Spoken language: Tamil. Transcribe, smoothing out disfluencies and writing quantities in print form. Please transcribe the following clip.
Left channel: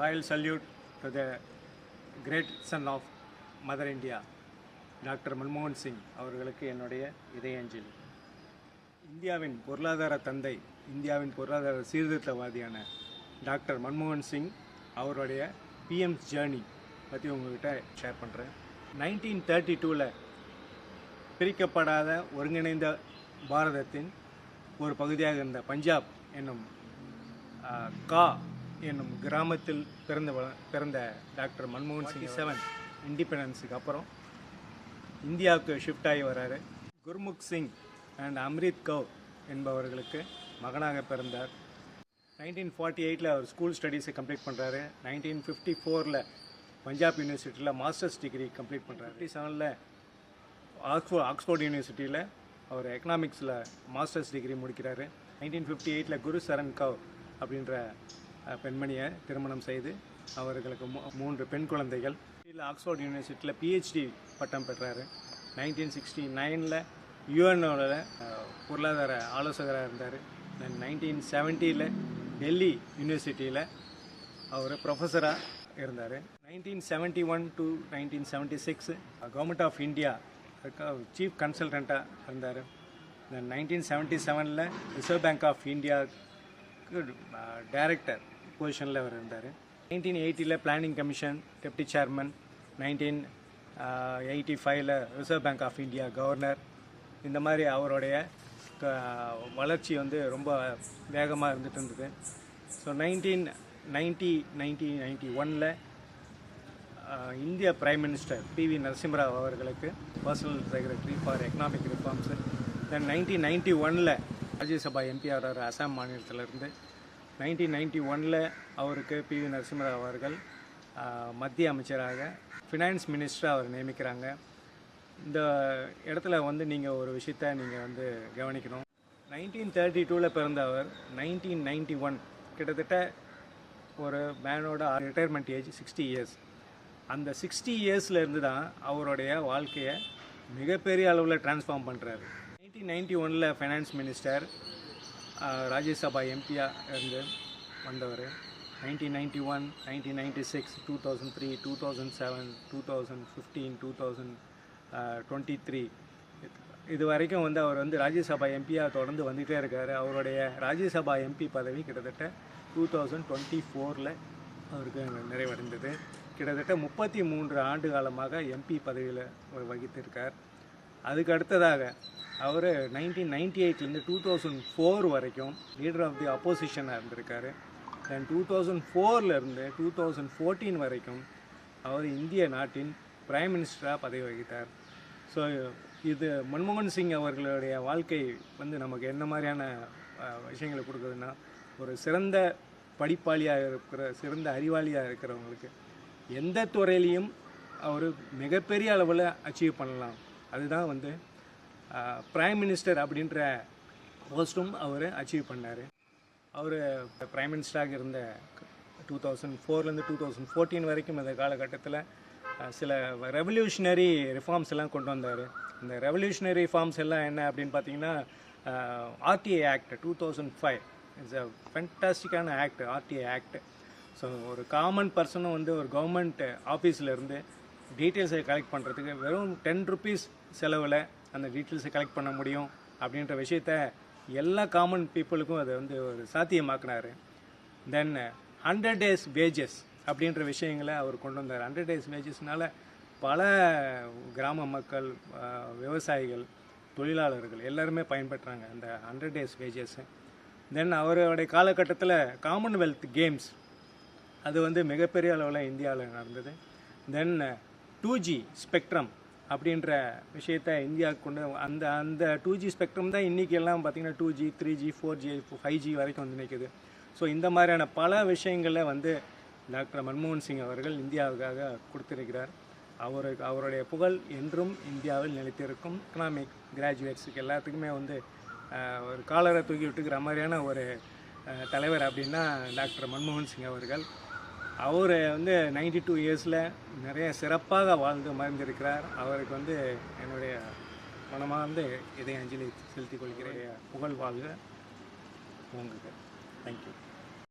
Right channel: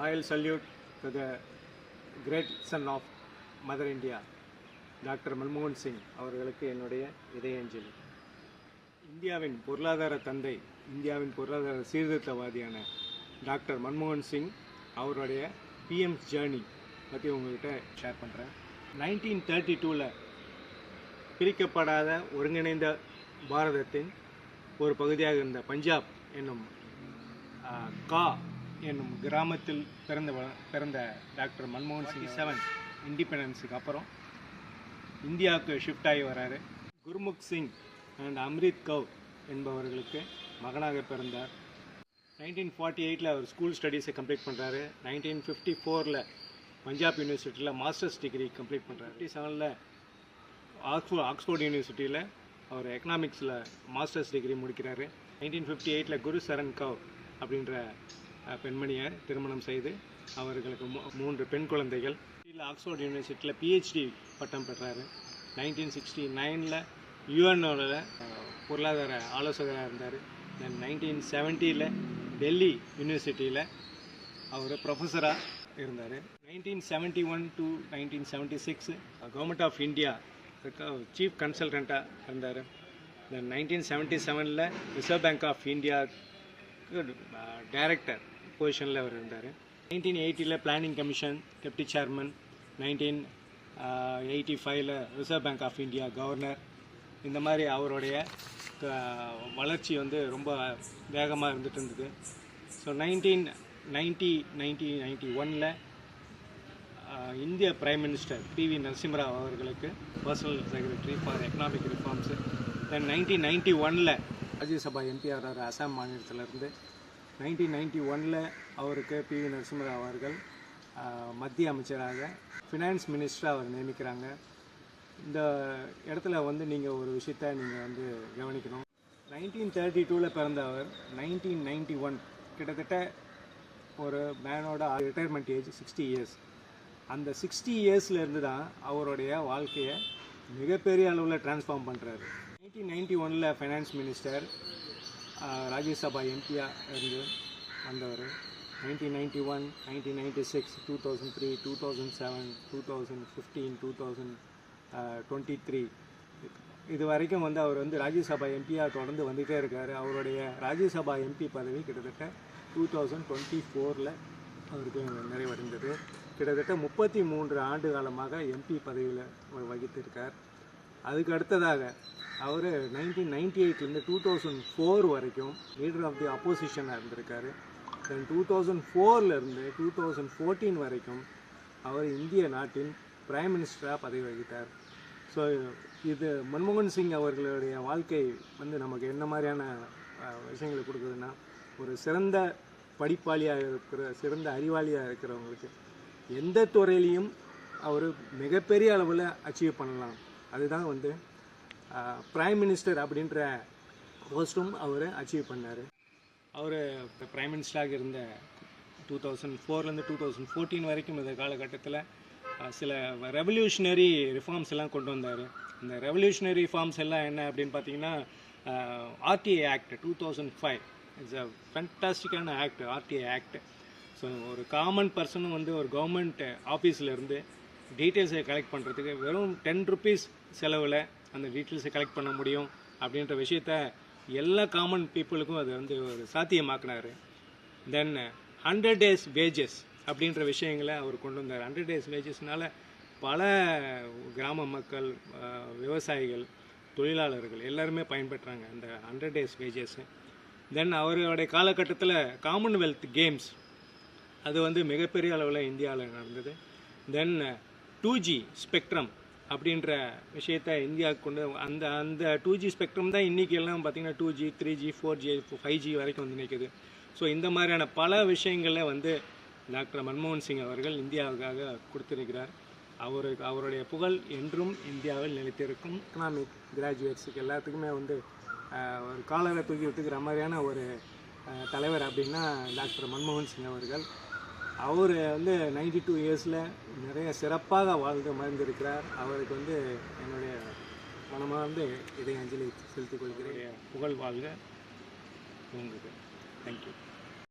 Royal salute to the great son of Mother India, doctor மன்மோகன் சிங் அவர்களுக்கு என்னுடைய இதயாஞ்சலி. இந்தியாவின் பொருளாதார தந்தை, இந்தியாவின் பொருளாதார சீர்திருத்தவாதியான டாக்டர் மன்மோகன் சிங் அவருடைய பிஎம்ஸ் ஜேர்னி பற்றி உங்கள்கிட்ட ஷேர் பண்ணுறேன். 1932 பிரிக்கப்படாத ஒருங்கிணைந்த பாரதத்தின் ஒரு பகுதியாக இருந்த பஞ்சாப் என்னும் கா என்னும் கிராமத்தில் பிறந்த டாக்டர் மன்மோகன் சிங் 7 இண்டிபெண்டன்ஸுக்கு அப்புறம் இந்தியாவுக்கு ஷிஃப்ட் ஆகி வராரு. குர்முக் சிங் அண்ட் அம்ரித் கவுர் என்பவர்களுக்கு மகனாக பிறந்தார். 1948 அவர் ஸ்கூல் ஸ்டடீஸை கம்ப்ளீட் பண்ணுறாரு. 1954 பஞ்சாப் யூனிவர்சிட்டியில் மாஸ்டர்ஸ் டிகிரி கம்ப்ளீட் பண்ணுறாரு. 57 ஆக்ஸ்ஃபோர்ட் யூனிவர்சிட்டியில் அவர் எக்கனாமிக்ஸில் மாஸ்டர்ஸ் டிகிரி முடிக்கிறாரு. 1958 குரு சரண் கவுர் அப்படின்ற பெண்மணியை திருமணம் செய்து அவர்களுக்கு 3 பெண் குழந்தைகள். ஆக்ஸ்ஃபோர்ட் யூனிவர்சிட்டியில் பிஹெச்டி பட்டம் பெற்றார். 1969 யுஎன்ஓட பொருளாதார ஆலோசகராக இருந்தார். தென் 1970 டெல்லி யூனிவர்சிட்டியில் அவர் ப்ரொஃபஸராக இருந்தார். 1971 to 1976 government of India chief கன்சல்டண்ட்டாக இருந்தார். Then 1977 Reserve Bank of India director பொசிஷனில் அவர் இருந்தார். 1980 planning commission deputy chairman. 1985 Reserve Bank of India governor. இந்த மாதிரி அவருடைய வளர்ச்சி ரொம்ப வேகமாக இருந்துட்டு இருந்தது. ஸோ 1991 இந்திய பிரைம் மினிஸ்டர் PV நரசிம்மராவ் அவர்களுக்கு personal secretary for economic reforms. Then 1991 Rajya Sabha MP ஆகிறார் அசாம் மாநிலத்திலிருந்து. 1991 அவருக்கு PV நரசிம்மராவ் அவர்கள் மத்திய அமைச்சராக ஃபினான்ஸ் மினிஸ்டராக அவர் நியமிக்கிறாங்க. இந்த இடத்துல நீங்கள் ஒரு விஷயத்தை நீங்கள் கவனிக்கணும். 1932 பிறந்த அவர் 1991 கிட்டத்தட்ட ஒரு மேனோட ரிட்டையர்மெண்ட் ஏஜ் 60 இயர்ஸ். அந்த 60 இயர்ஸில் இருந்து தான் அவருடைய வாழ்க்கையை மிகப்பெரிய அளவில் டிரான்ஸ்ஃபார்ம் பண்ணுறாரு. 1991 ஃபைனான்ஸ் மினிஸ்டர், ராஜ்யசபா எம்பியாக இருந்து வந்தவர். 1991, 1996, 2003, 2007, 2015, 2023 இது வரைக்கும் அவர் ராஜ்யசபா எம்பியாக தொடர்ந்து வந்துகிட்டே இருக்கார். அவருடைய ராஜ்யசபா எம்பி பதவி கிட்டத்தட்ட 2024 அவருக்கு நிறைவடைந்தது. கிட்டத்தட்ட 33 ஆண்டு காலமாக எம்பி பதவியில் வகித்திருக்கார். அதுக்கு அடுத்ததாக அவர் 1998 2004 வரைக்கும் லீடர் ஆஃப் தி அப்போசிஷனாக இருந்திருக்காரு. தென் 2004 2014 வரைக்கும் அவர் இந்திய நாட்டின் பிரைம் மினிஸ்டராக பதவி வகித்தார். ஸோ இது மன்மோகன் சிங் அவர்களுடைய வாழ்க்கை நமக்கு என்ன மாதிரியான விஷயங்களை கொடுக்குதுன்னா, ஒரு சிறந்த படிப்பாளியாக இருக்கிற, சிறந்த அறிவாளியாக இருக்கிறவங்களுக்கு எந்த துறையிலையும் அவர் மிகப்பெரிய அளவில் அச்சீவ் பண்ணலாம். அதுதான் பிரைம் மினிஸ்டர் அப்படின்ற போஸ்ட்டும் அவர் அச்சீவ் பண்ணார். அவர் பிரைம் மினிஸ்டராக இருந்த 2004 2014 வரைக்கும் இந்த காலகட்டத்தில் சில ரெவல்யூஷனரி ரிஃபார்ம்ஸ் எல்லாம் கொண்டு வந்தார். இந்த ரெவல்யூஷனரி ரிஃபார்ம்ஸ் எல்லாம் என்ன அப்படின்னு பார்த்தீங்கன்னா, RTA ஆக்ட் 2005 இட்ஸ் அ ஃபேண்டாஸ்டிக்கான ஆக்ட். RTA act. ஸோ ஒரு காமன் பர்சனும் ஒரு கவர்மெண்ட் ஆஃபீஸில் இருந்து டீட்டெயில்ஸை கலெக்ட் பண்ணுறதுக்கு வெறும் 10 rupees செலவில் அந்த டீட்டெயில்ஸை கலெக்ட் பண்ண முடியும் அப்படின்ற விஷயத்த எல்லா காமன் பீப்புளுக்கும் அதை ஒரு சாத்தியமாக்குனார். தென் 100 days வேஜஸ் அப்படின்ற விஷயங்களை அவர் கொண்டு வந்தார். 100 days வேஜஸ்னால பல கிராம மக்கள், விவசாயிகள், தொழிலாளர்கள் எல்லாருமே பயன்பெற்றாங்க இந்த 100 days வேஜஸ். தென் அவருடைய காலகட்டத்தில் காமன்வெல்த் கேம்ஸ் அது மிகப்பெரிய அளவில் இந்தியாவில் நடந்தது. தென் 2G ஸ்பெக்ட்ரம் அப்படின்ற விஷயத்தை இந்தியாவுக்கு கொண்டு அந்த 2G ஸ்பெக்ட்ரம் தான் இன்றைக்கி எல்லாம் பார்த்திங்கன்னா 2G 3G 4G 5G வரைக்கும் நிற்குது. ஸோ இந்த மாதிரியான பல விஷயங்களில் டாக்டர் மன்மோகன் சிங் அவர்கள் இந்தியாவுக்காக கொடுத்திருக்கிறார். அவருடைய புகழ் என்றும் இந்தியாவில் நிலைத்திருக்கும். எக்கனாமிக் கிராஜுவேட்ஸுக்கு எல்லாத்துக்குமே ஒரு காலரை தூக்கி விட்டுக்கிற மாதிரியான ஒரு தலைவர் அப்படின்னா டாக்டர் மன்மோகன் சிங் அவர்கள். அவர் 92 இயர்ஸில் நிறைய சிறப்பாக வாழ்ந்து மறைந்திருக்கிறார். அவருக்கு என்னுடைய மனமாக இதை அஞ்சலி செலுத்திக் கொள்கிறேன். புகழ் வாழ்க. நன்றி. தேங்க்யூ.